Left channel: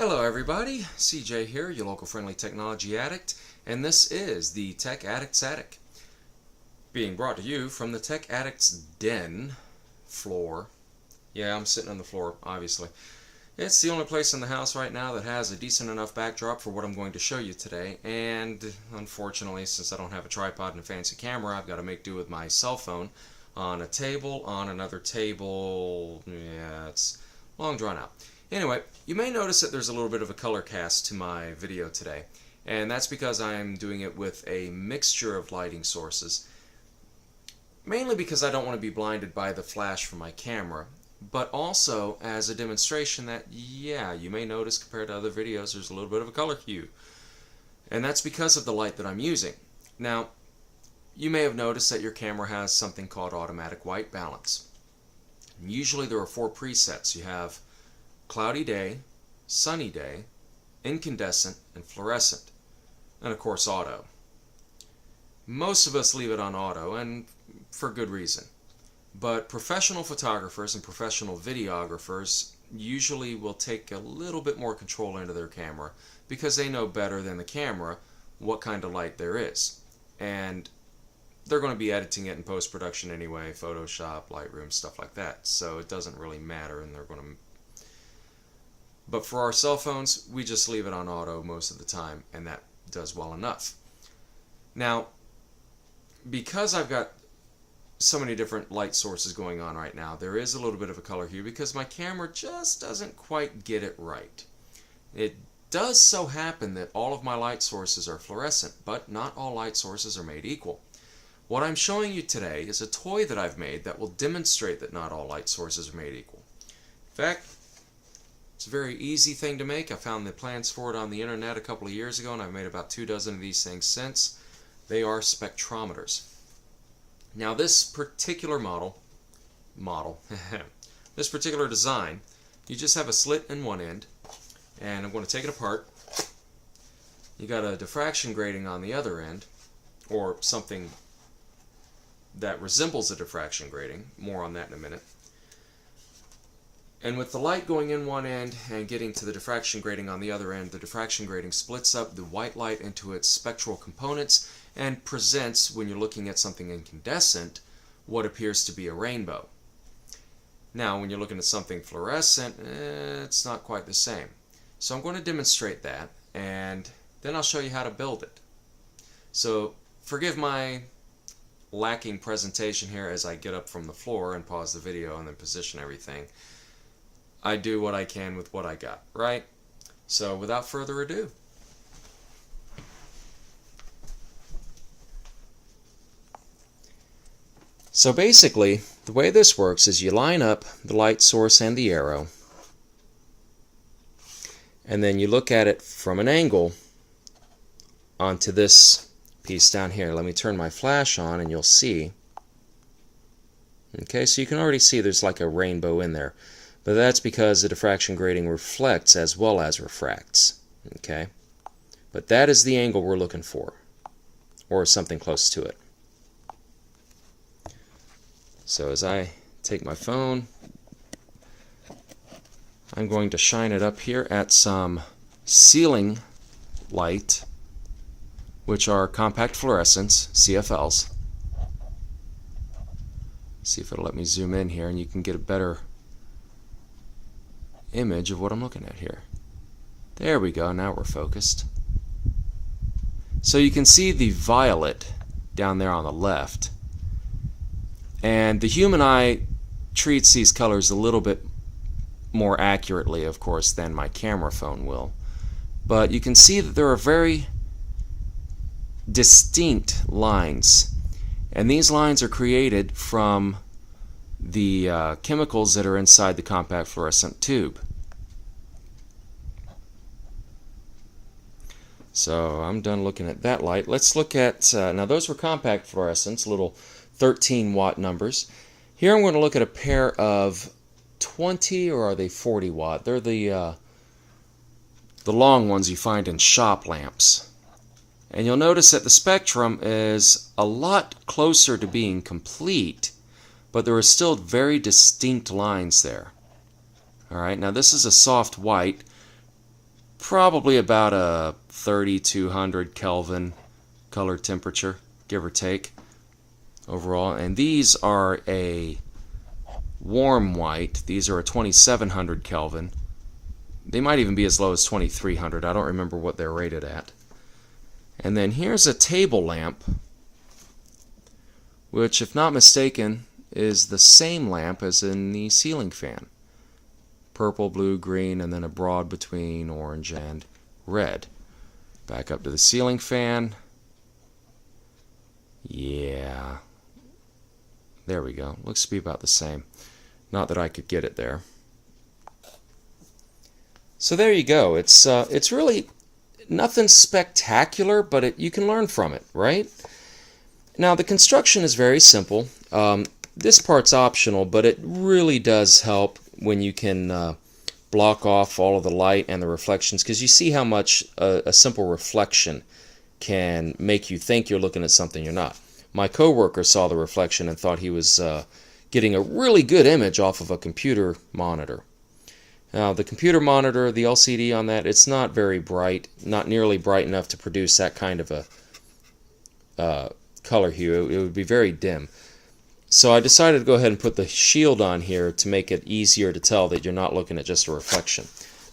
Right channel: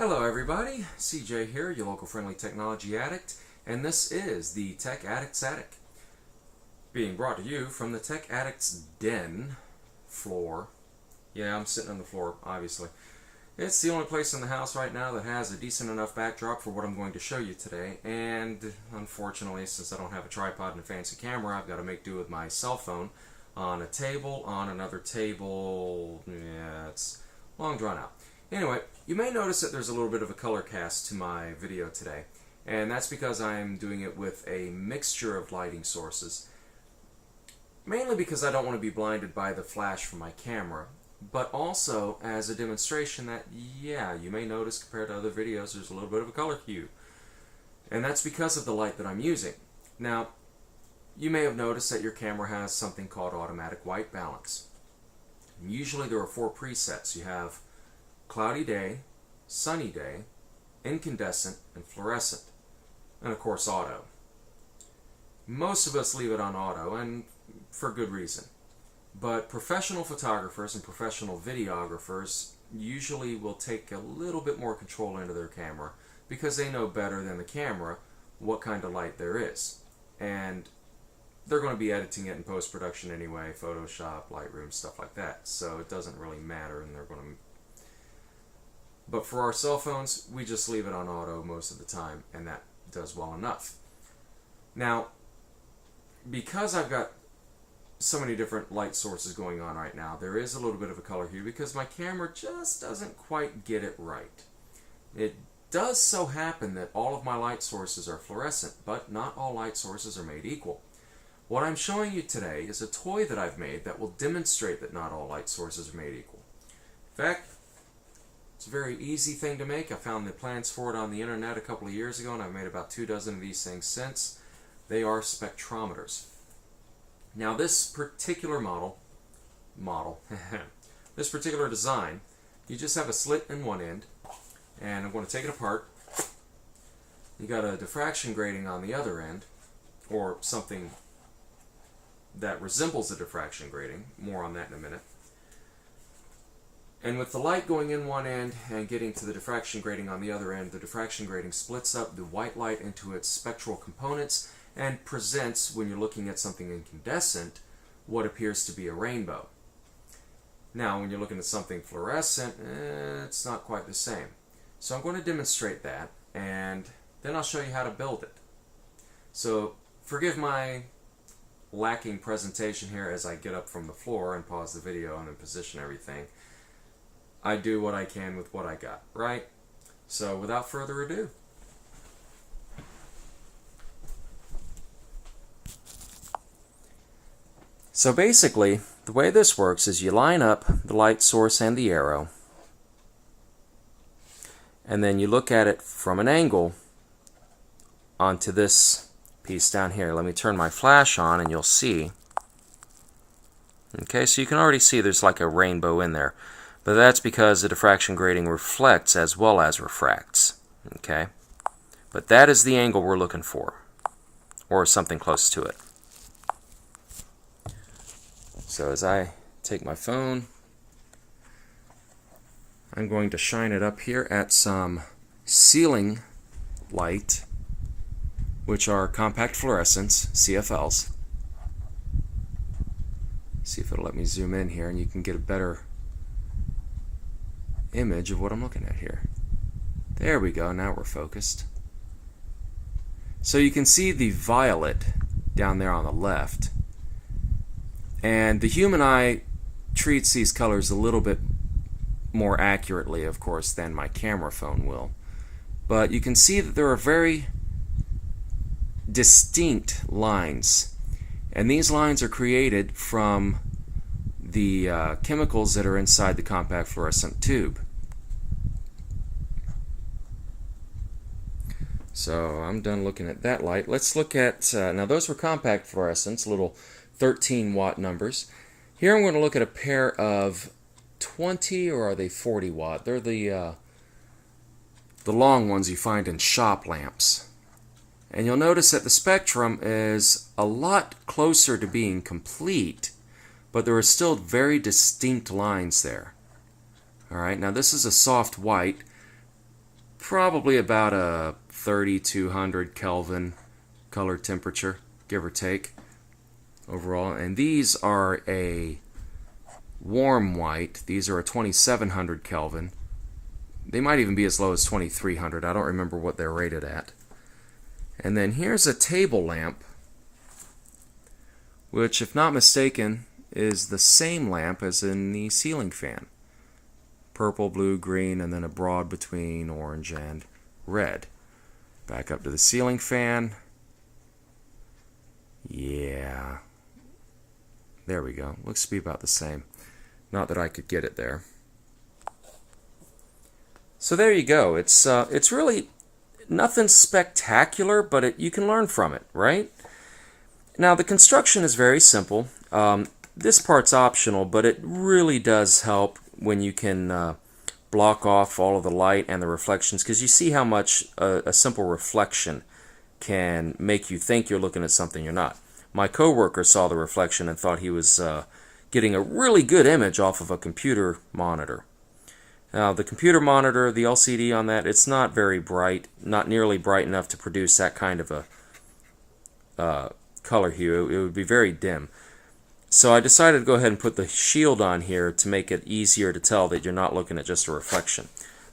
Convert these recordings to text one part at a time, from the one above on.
Hello everybody, CJ here, your local friendly technology addict, and this is the Tech Addict's Attic, being brought to you from the Tech Addict's Den floor. Yeah, I'm sitting on the floor, obviously. It's the only place in the house right now that has a decent enough backdrop for what I'm going to show you today, and unfortunately, since I don't have a tripod and a fancy camera, I've got to make do with my cell phone on a table, on another table. Yeah, it's long drawn out. Anyway, you may notice that there's a little bit of a color cast to my video today, and that's because I'm doing it with a mixture of lighting sources, mainly because I don't want to be blinded by the flash from my camera, but also as a demonstration that, yeah, you may notice compared to other videos there's a little bit of a color hue, and that's because of the light that I'm using. Now, you may have noticed that your camera has something called automatic white balance. And usually there are 4 presets. You have cloudy day, sunny day, incandescent, and fluorescent, and of course auto. Most of us leave it on auto, and for good reason. But professional photographers and professional videographers usually will take a little bit more control into their camera because they know better than the camera what kind of light there is. And they're going to be editing it in post-production anyway, Photoshop, Lightroom, stuff like that. So it doesn't really matter, and they're going to. But for our cell phones, we just leave it on auto most of the time, and that does well enough. Now, because I've got so many different light sources going on right now, there is a little bit of a color hue because my camera just doesn't quite get it right. It does so happen that all of my light sources are fluorescent, but not all light sources are made equal. What I'm showing you today is a toy that I've made that will demonstrate that not all light sources are made equal. In fact, it's a very easy thing to make. I found the plans for it on the internet a couple of years ago, and I've made about 2 dozen of these things since. They are spectrometers. Now this particular this particular design, you just have a slit in one end, and I'm going to take it apart. You got a diffraction grating on the other end, or something that resembles a diffraction grating. More on that in a minute. And with the light going in one end and getting to the diffraction grating on the other end, the diffraction grating splits up the white light into its spectral components and presents, when you're looking at something incandescent, what appears to be a rainbow. Now, when you're looking at something fluorescent, it's not quite the same. So I'm going to demonstrate that, and then I'll show you how to build it. So forgive my lacking presentation here as I get up from the floor and pause the video and then position everything. I do what I can with what I got, right? So without further ado, so basically the way this works is you line up the light source and the arrow, and then you look at it from an angle onto this piece down here. Let me turn my flash on and you'll see. Okay, so you can already see there's like a rainbow in there. But that's because the diffraction grating reflects as well as refracts. Okay? But that is the angle we're looking for, or something close to it. So as I take my phone, I'm going to shine it up here at some ceiling light, which are compact fluorescents, CFLs. See if it'll let me zoom in here and you can get a better image of what I'm looking at here. There we go, now we're focused. So you can see the violet down there on the left, and the human eye treats these colors a little bit more accurately, of course, than my camera phone will. But you can see that there are very distinct lines, and these lines are created from the chemicals that are inside the compact fluorescent tube. So I'm done looking at that light. Let's look at, now those were compact fluorescents, little 13 watt numbers. Here I'm going to look at a pair of 20, or are they 40 watt? They're the long ones you find in shop lamps. And you'll notice that the spectrum is a lot closer to being complete, but there are still very distinct lines there. Alright, now this is a soft white. probably about a 3200 Kelvin color temperature, give or take, overall. And these are a warm white. These are a 2700 Kelvin. They might even be as low as 2300. I don't remember what they're rated at. And then here's a table lamp, which, if not mistaken, is the same lamp as in the ceiling fan. Purple, blue, green, and then a broad between orange and red. Back up to the ceiling fan. Yeah. There we go. Looks to be about the same. Not that I could get it there. So there you go. It's really nothing spectacular, but you can learn from it, right? Now the construction is very simple. This part's optional, but it really does help when you can block off all of the light and the reflections, because you see how much a simple reflection can make you think you're looking at something you're not. My coworker saw the reflection and thought he was getting a really good image off of a computer monitor. Now the computer monitor, the LCD on that, it's not very bright, not nearly bright enough to produce that kind of a color hue. It would be very dim. So I decided to go ahead and put the shield on here to make it easier to tell that you're not looking at just a reflection.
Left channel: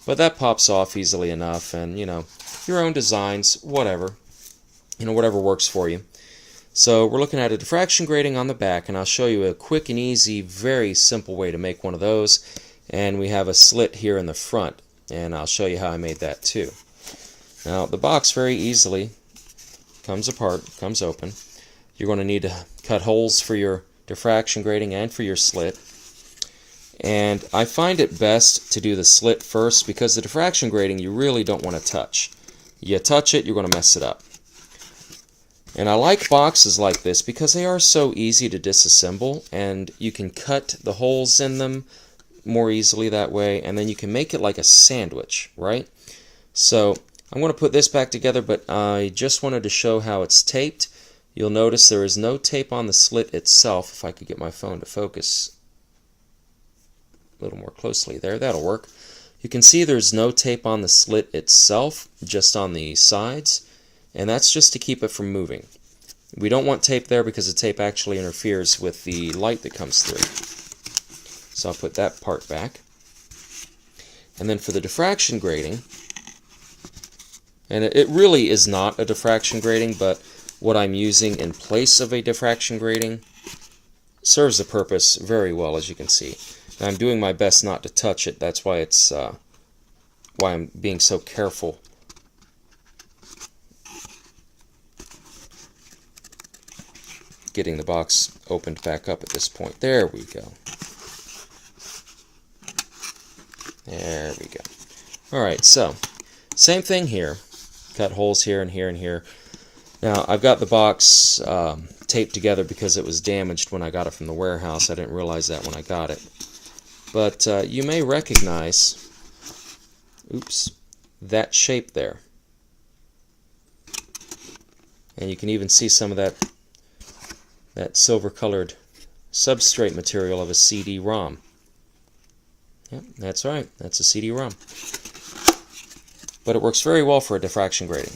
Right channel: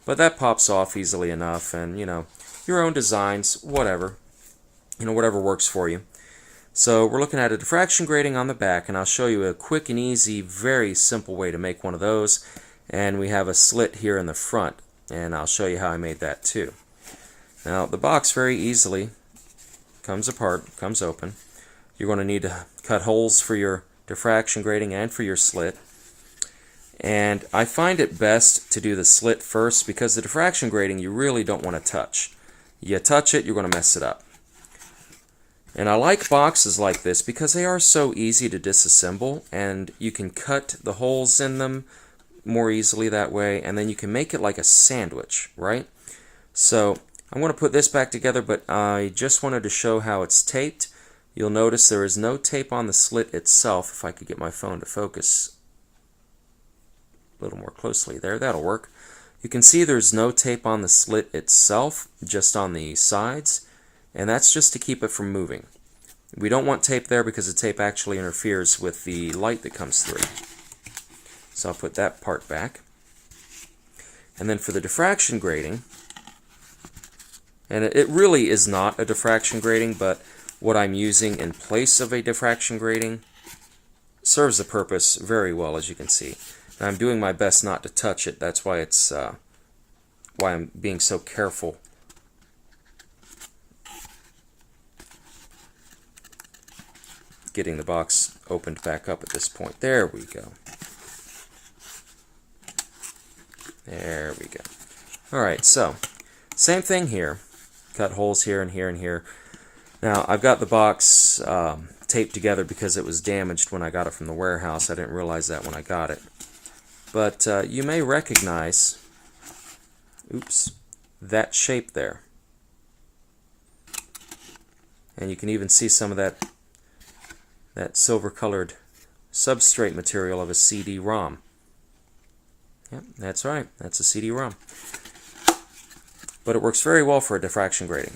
But that pops off easily enough, and your own designs, whatever. Whatever works for you. So we're looking at a diffraction grating on the back, and I'll show you a quick and easy, very simple way to make one of those. And we have a slit here in the front, and I'll show you how I made that too. Now the box very easily comes apart, comes open. You're going to need to cut holes for your diffraction grating and for your slit. And I find it best to do the slit first, because the diffraction grating you really don't want to touch. You touch it, you're going to mess it up. And I like boxes like this because they are so easy to disassemble, and you can cut the holes in them more easily that way, and then you can make it like a sandwich, right? So I'm going to put this back together, but I just wanted to show how it's taped. You'll notice there is no tape on the slit itself. If I could get my phone to focus a little more closely there, that'll work. You can see there's no tape on the slit itself, just on the sides, and that's just to keep it from moving. We don't want tape there because the tape actually interferes with the light that comes through. So I'll put that part back. And then for the diffraction grating, and it really is not a diffraction grating, but what I'm using in place of a diffraction grating serves the purpose very well, as you can see. And I'm doing my best not to touch it. That's why why I'm being so careful. Getting the box opened back up at this point. There we go. There we go. Alright, so same thing here. Cut holes here and here and here. Now I've got the box taped together because it was damaged when I got it from the warehouse. I didn't realize that when I got it. But you may recognize, oops, that shape there. And you can even see some of that silver-colored substrate material of a CD-ROM. Yep, that's right. That's a CD-ROM. But it works very well for a diffraction grating.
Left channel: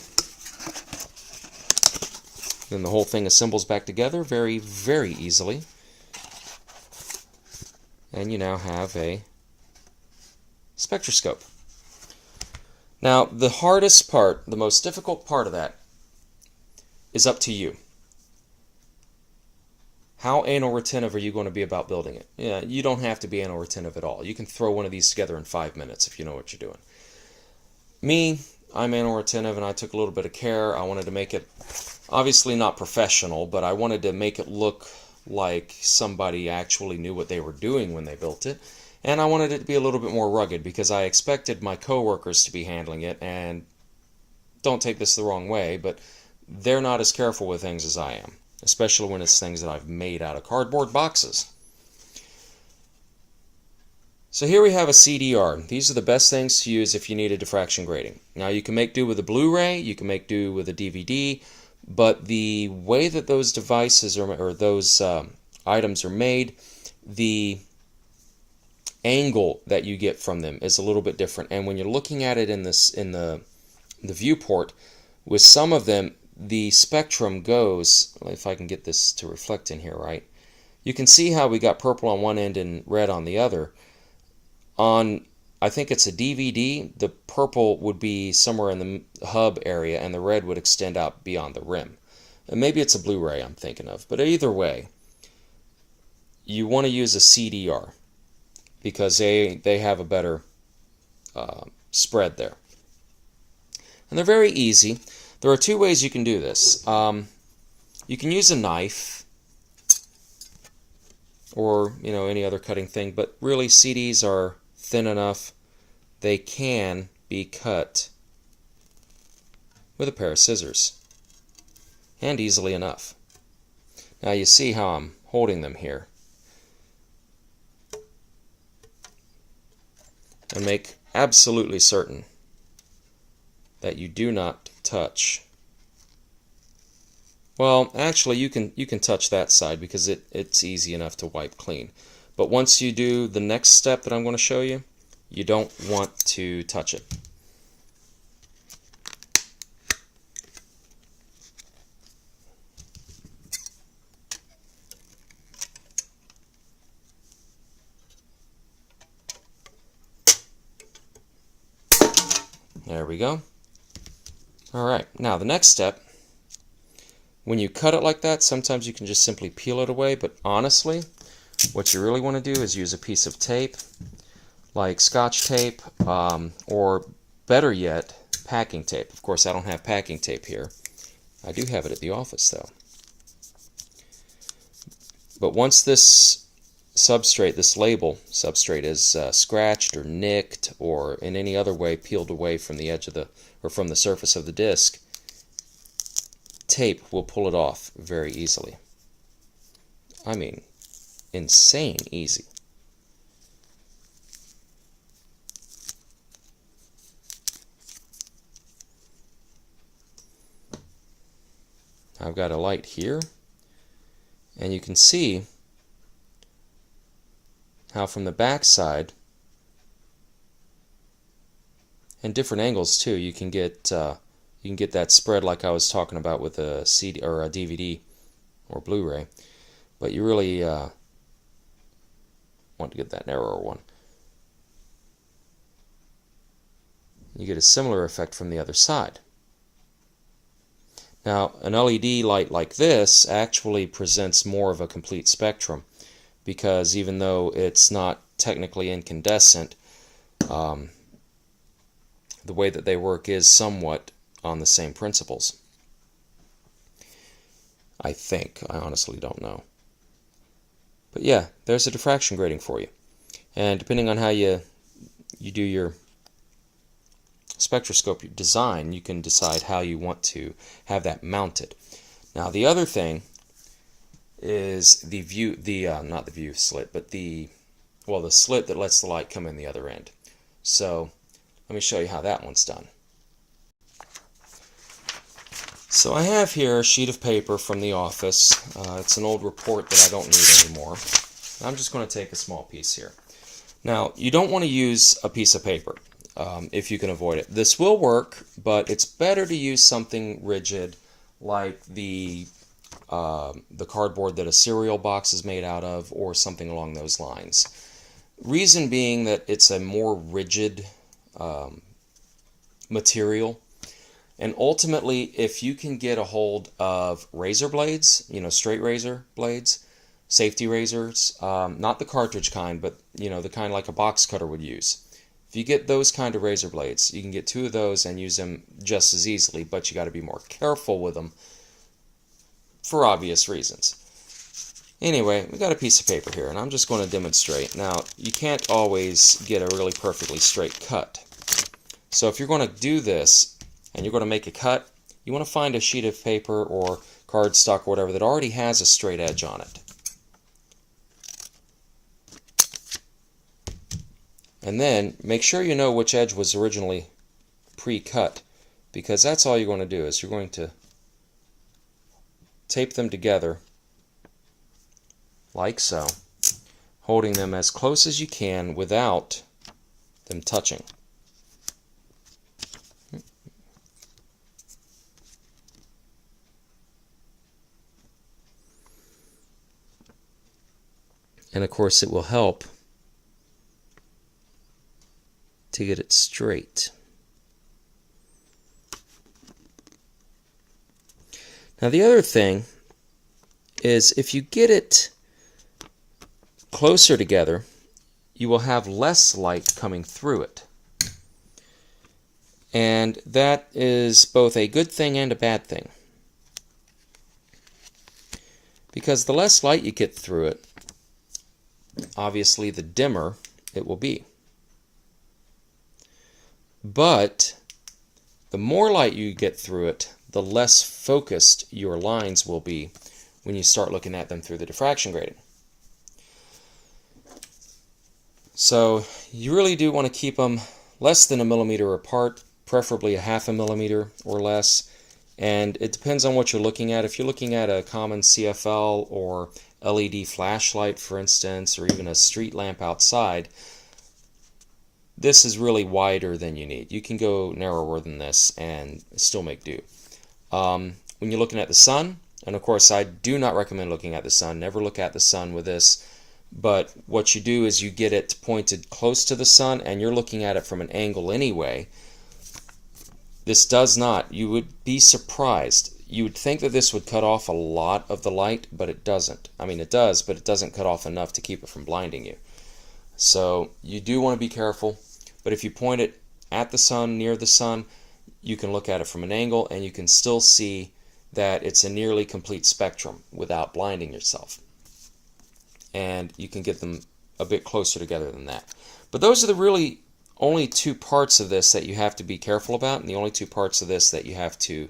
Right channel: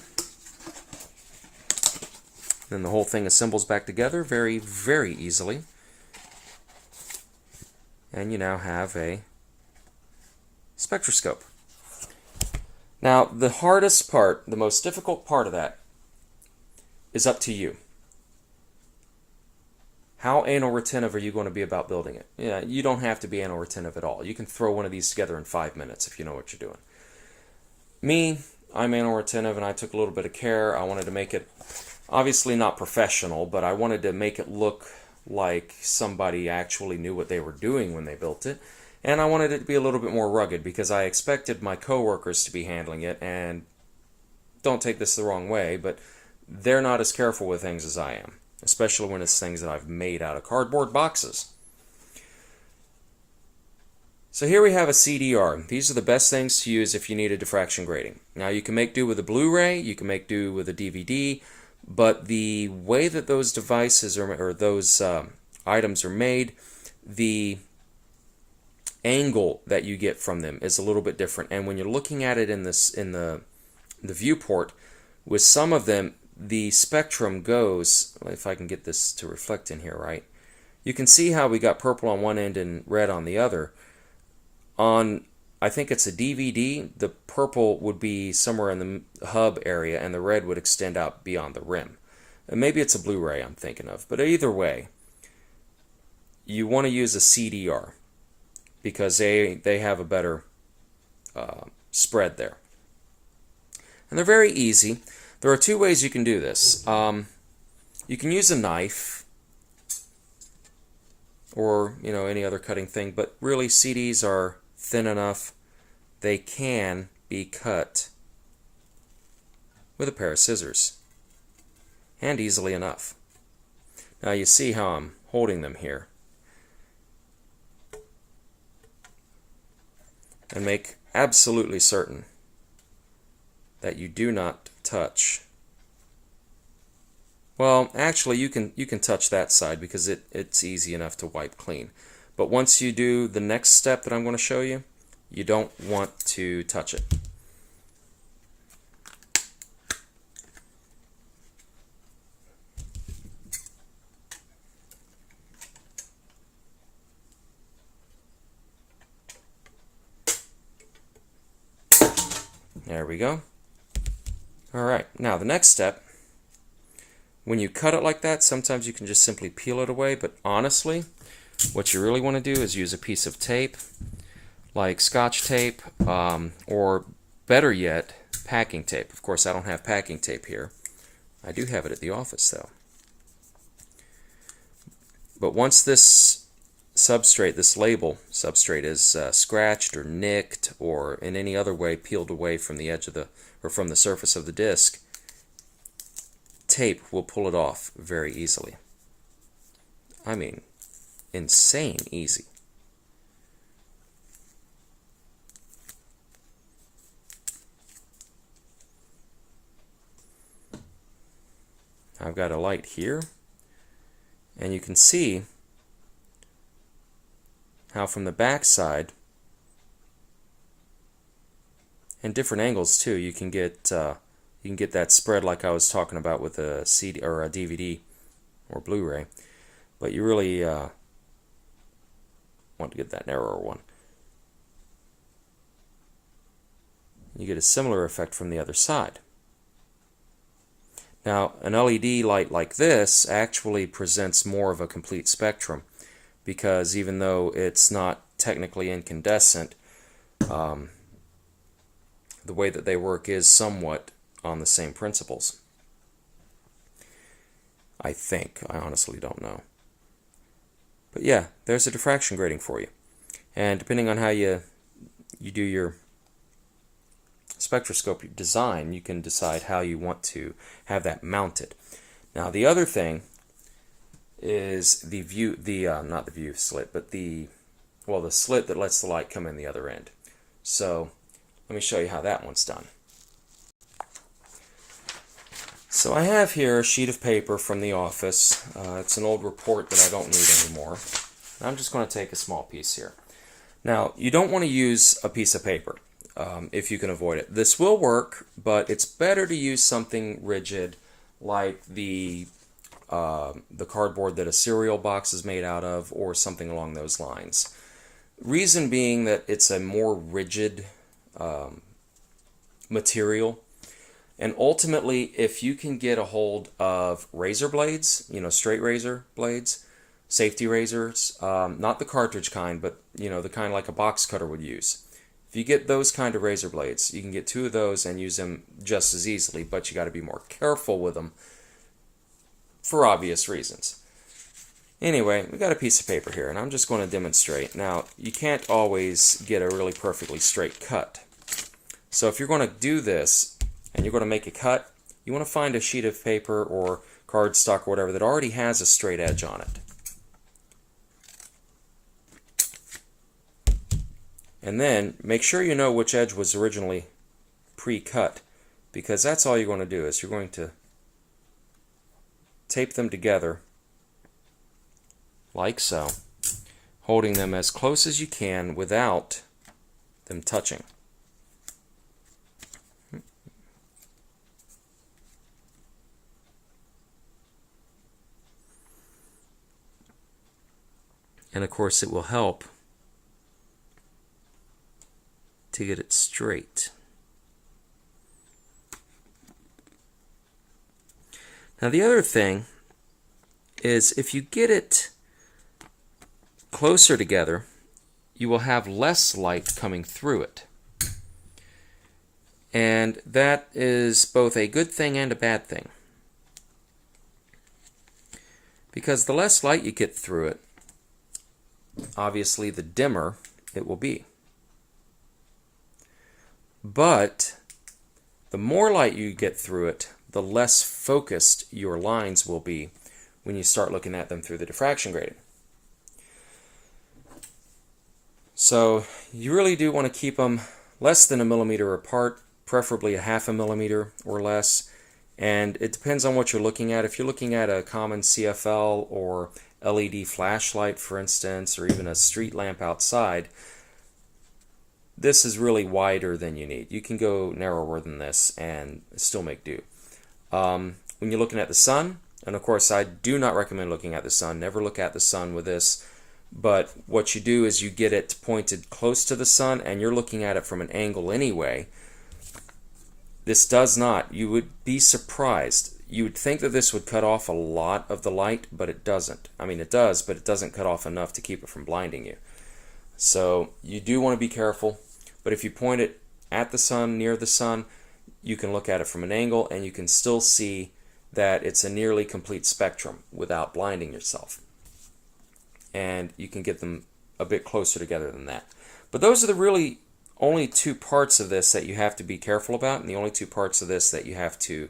Then the whole thing assembles back together very, very easily. And you now have a spectroscope. Now, the hardest part, the most difficult part of that, is up to you. How anal retentive are you going to be about building it? Yeah, you don't have to be anal retentive at all. You can throw one of these together in 5 minutes if you know what you're doing. Me, I'm anal retentive, and I took a little bit of care. I wanted to make it, obviously not professional, but I wanted to make it look like somebody actually knew what they were doing when they built it. And I wanted it to be a little bit more rugged because I expected my coworkers to be handling it, and don't take this the wrong way, but they're not as careful with things as I am. Especially when it's things that I've made out of cardboard boxes. So here we have a CDR. These are the best things to use if you need a diffraction grating. Now you can make do with a Blu-ray, you can make do with a DVD, but the way that those devices or those items are made, the angle that you get from them is a little bit different. And when you're looking at it in the viewport, with some of them, the spectrum goes, if I can get this to reflect in here right, you can see how we got purple on one end and red on the other. On, I think it's a DVD, the purple would be somewhere in the hub area and the red would extend out beyond the rim. And maybe it's a Blu-ray I'm thinking of, but either way, you want to use a CDR because they have a better spread there. And they're very easy. There are two ways you can do this. You can use a knife or any other cutting thing, but really CDs are thin enough they can be cut with a pair of scissors, and easily enough. Now you see how I'm holding them here, and make absolutely certain that you do not touch. Well, actually you can touch that side because it's easy enough to wipe clean. But once you do the next step that I'm going to show you, you don't want to touch it. There we go. Alright, now the next step, when you cut it like that, sometimes you can just simply peel it away, but honestly, what you really want to do is use a piece of tape, like Scotch tape, or better yet, packing tape. Of course, I don't have packing tape here. I do have it at the office, though. But once this substrate, this label substrate, is scratched or nicked or in any other way peeled away from the edge of the, or from the surface of the disc, tape will pull it off very easily. I mean, insane easy. I've got a light here, and you can see how from the back side, and different angles too, you can get that spread like I was talking about with a CD or a DVD or Blu-ray, but you really want to get that narrower one. You get a similar effect from the other side. Now, an LED light like this actually presents more of a complete spectrum, because even though it's not technically incandescent, the way that they work is somewhat on the same principles. I think. I honestly don't know. But yeah, there's a diffraction grating for you. And depending on how you do your spectroscope design, you can decide how you want to have that mounted. Now the other thing is the view, not the view slit, but the slit that lets the light come in the other end. So let me show you how that one's done. So I have here a sheet of paper from the office. It's an old report that I don't need anymore. I'm just going to take a small piece here. Now, you don't want to use a piece of paper if you can avoid it. This will work, but it's better to use something rigid like the cardboard that a cereal box is made out of, or something along those lines. Reason being that it's a more rigid material. And ultimately, if you can get a hold of razor blades, straight razor blades, safety razors, not the cartridge kind, but the kind like a box cutter would use. If you get those kind of razor blades, you can get 2 of those and use them just as easily, but you got to be more careful with them for obvious reasons. Anyway, we got a piece of paper here, and I'm just going to demonstrate. Now, you can't always get a really perfectly straight cut. So if you're going to do this, and you're going to make a cut, you want to find a sheet of paper or cardstock or whatever that already has a straight edge on it. And then make sure you know which edge was originally pre-cut, because that's all you're going to do is you're going to tape them together like so, holding them as close as you can without them touching. And of course it will help to get it straight. Now the other thing is if you get it closer together, you will have less light coming through it. And that is both a good thing and a bad thing. Because the less light you get through it, obviously the dimmer it will be. But the more light you get through it, the less focused your lines will be when you start looking at them through the diffraction grating. So you really do want to keep them less than 1 millimeter apart, preferably 1/2 millimeter or less. And it depends on what you're looking at. If you're looking at a common CFL or LED flashlight, for instance, or even a street lamp outside, this is really wider than you need. You can go narrower than this and still make do. When you're looking at the sun, and of course I do not recommend looking at the sun, never look at the sun with this, but what you do is you get it pointed close to the sun and you're looking at it from an angle anyway. This does not. You would be surprised. You would think that this would cut off a lot of the light, but it doesn't. I mean, it does, but it doesn't cut off enough to keep it from blinding you. So you do want to be careful, but if you point it at the sun, near the sun, you can look at it from an angle and you can still see that it's a nearly complete spectrum without blinding yourself. And you can get them a bit closer together than that. But those are the really only two parts of this that you have to be careful about, and the only two parts of this that you have to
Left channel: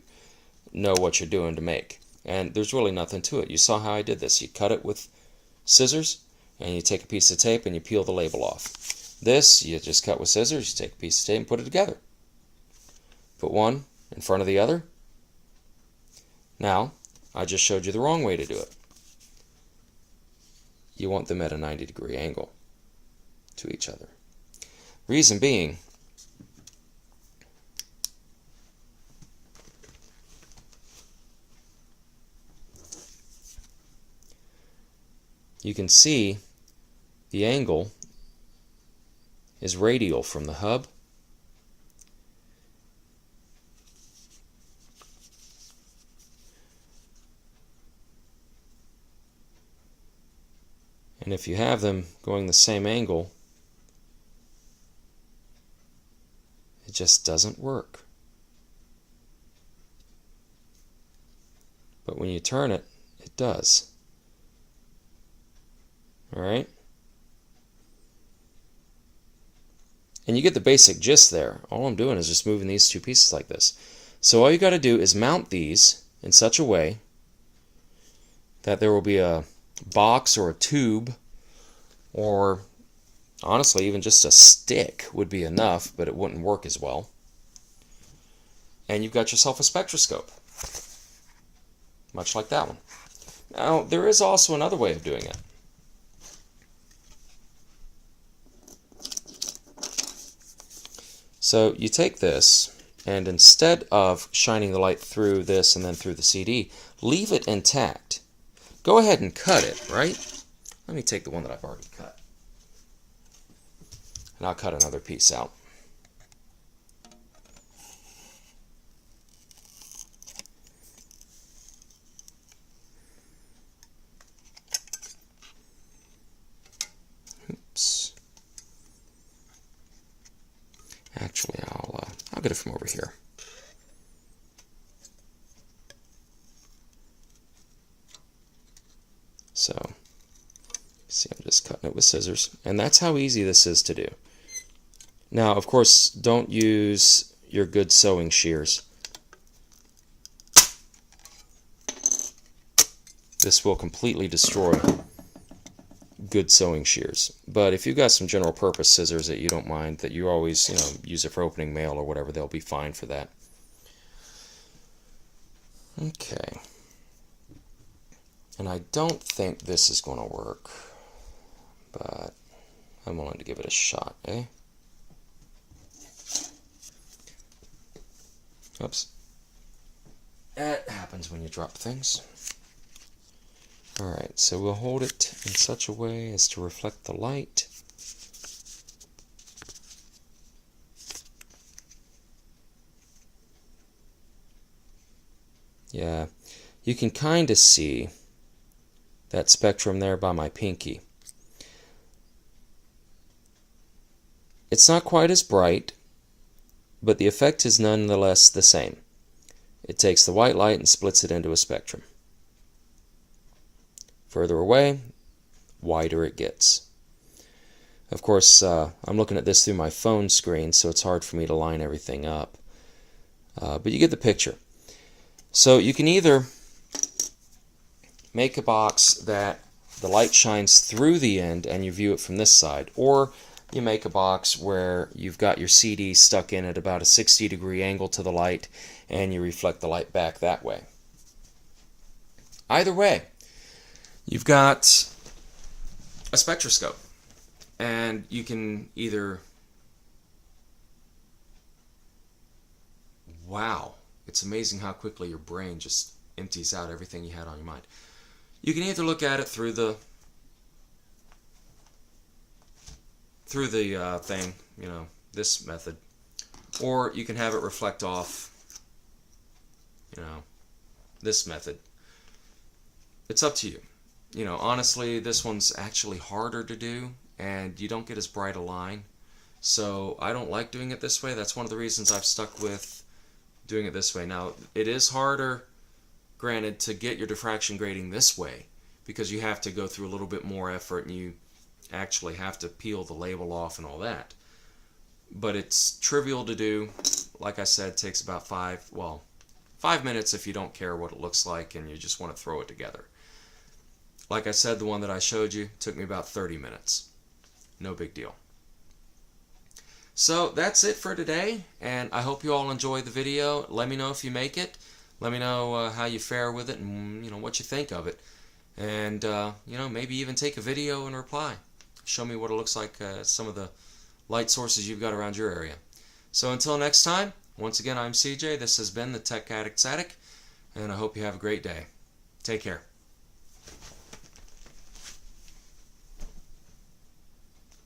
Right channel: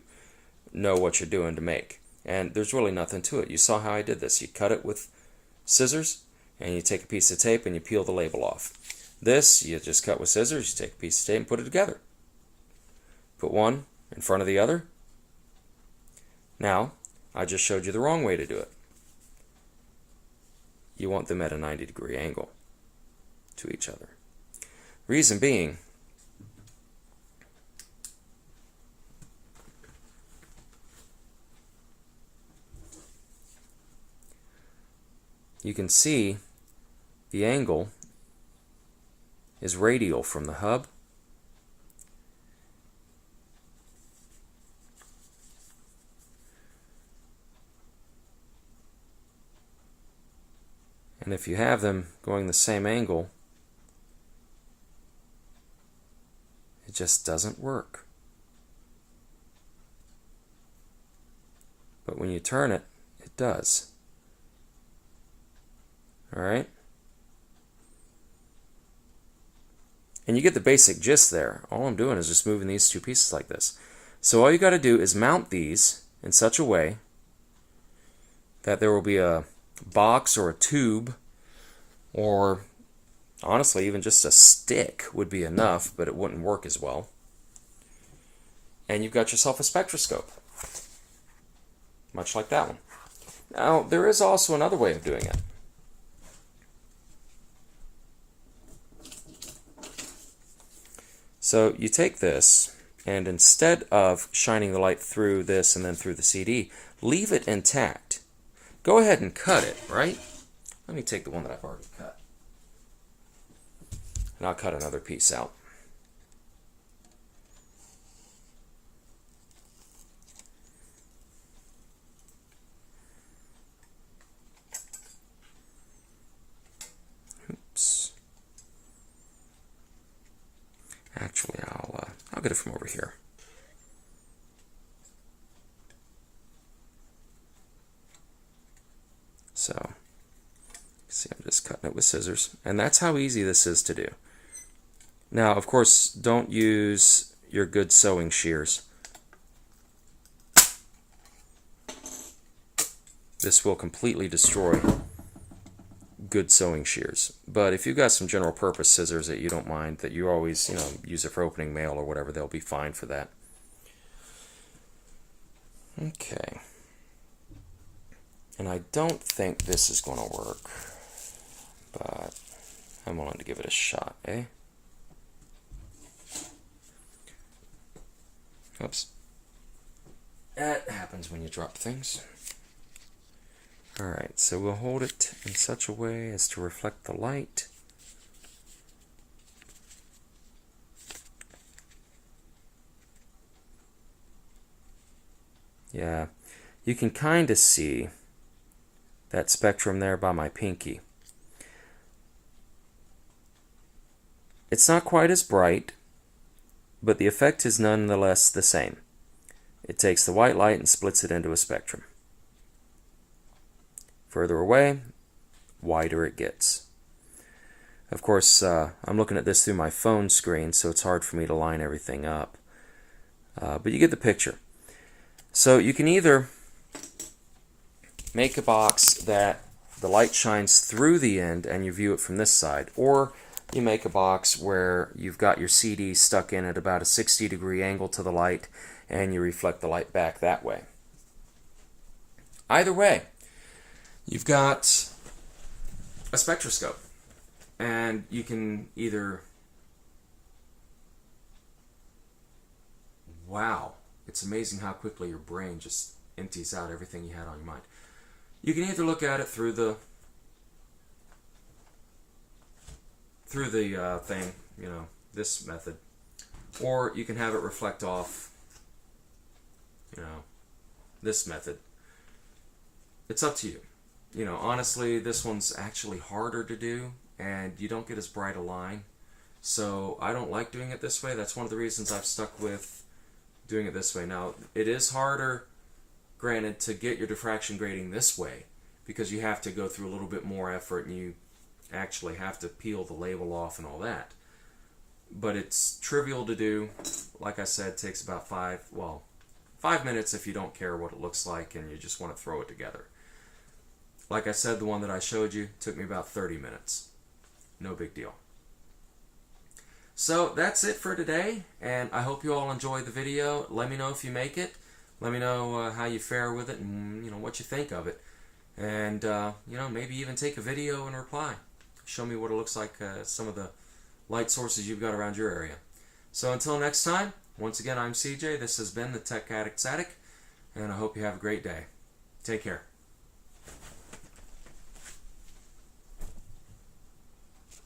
know what you're doing to make. And there's really nothing to it. You saw how I did this. You cut it with scissors, and you take a piece of tape and you peel the label off. This, you just cut with scissors, you take a piece of tape and put it together. Put one in front of the other. Now, I just showed you the wrong way to do it. You want them at a 90-degree angle to each other. Reason being, you can see the angle is radial from the hub and if you have them going the same angle, it just doesn't work. But when you turn it, it does. Alright? And you get the basic gist there. All I'm doing is just moving these two pieces like this. So all you got to do is mount these in such a way that there will be a box or a tube, or honestly even just a stick would be enough, but it wouldn't work as well. And you've got yourself a spectroscope, much like that one. Now there is also another way of doing it. So you take this, and instead of shining the light through this and then through the CD, leave it intact. Go ahead and cut it, right? Let me take the one that I've already cut. And I'll cut another piece out. Oops. Actually, I'll get it from over here. So, see, I'm just cutting it with scissors, and that's how easy this is to do. Now, of course, don't use your good sewing shears. This will completely destroy good sewing shears. But if you've got some general purpose scissors that you don't mind, that you always, use it for opening mail or whatever, they'll be fine for that. Okay. And I don't think this is going to work. but I'm willing to give it a shot, eh? Oops. That happens when you drop things. Alright, so we'll hold it in such a way as to reflect the light. Yeah, you can kind of see that spectrum there by my pinky. It's not quite as bright, but the effect is nonetheless the same. It takes the white light and splits it into a spectrum. Further away, wider it gets. Of course, I'm looking at this through my phone screen, so it's hard for me to line everything up. But you get the picture. So you can either make a box that the light shines through the end and you view it from this side, or you make a box where you've got your CD stuck in at about a 60-degree angle to the light and you reflect the light back that way. Either way, you've got a spectroscope, and you can either... Wow, it's amazing how quickly your brain just empties out everything you had on your mind. You can either look at it through the thing, you know, this method, or you can have it reflect off, you know, this method. It's up to you. You know, honestly, this one's actually harder to do, and you don't get as bright a line. So I don't like doing it this way. That's one of the reasons I've stuck with doing it this way. Now, it is harder, granted, to get your diffraction grading this way, because you have to go through a little bit more effort, and you actually have to peel the label off and all that. But it's trivial to do. Like I said, it takes about 5 minutes if you don't care what it looks like and you just want to throw it together. Like I said, the one that I showed you took me about 30 minutes. No big deal. So that's it for today, and I hope you all enjoyed the video. Let me know if you make it. Let me know how you fare with it, and you know what you think of it. And you know, maybe even take a video and reply. Show me what it looks like, some of the light sources you've got around your area. So until next time, once again, I'm CJ. This has been the Tech Addict's Attic, and I hope you have a great day. Take care.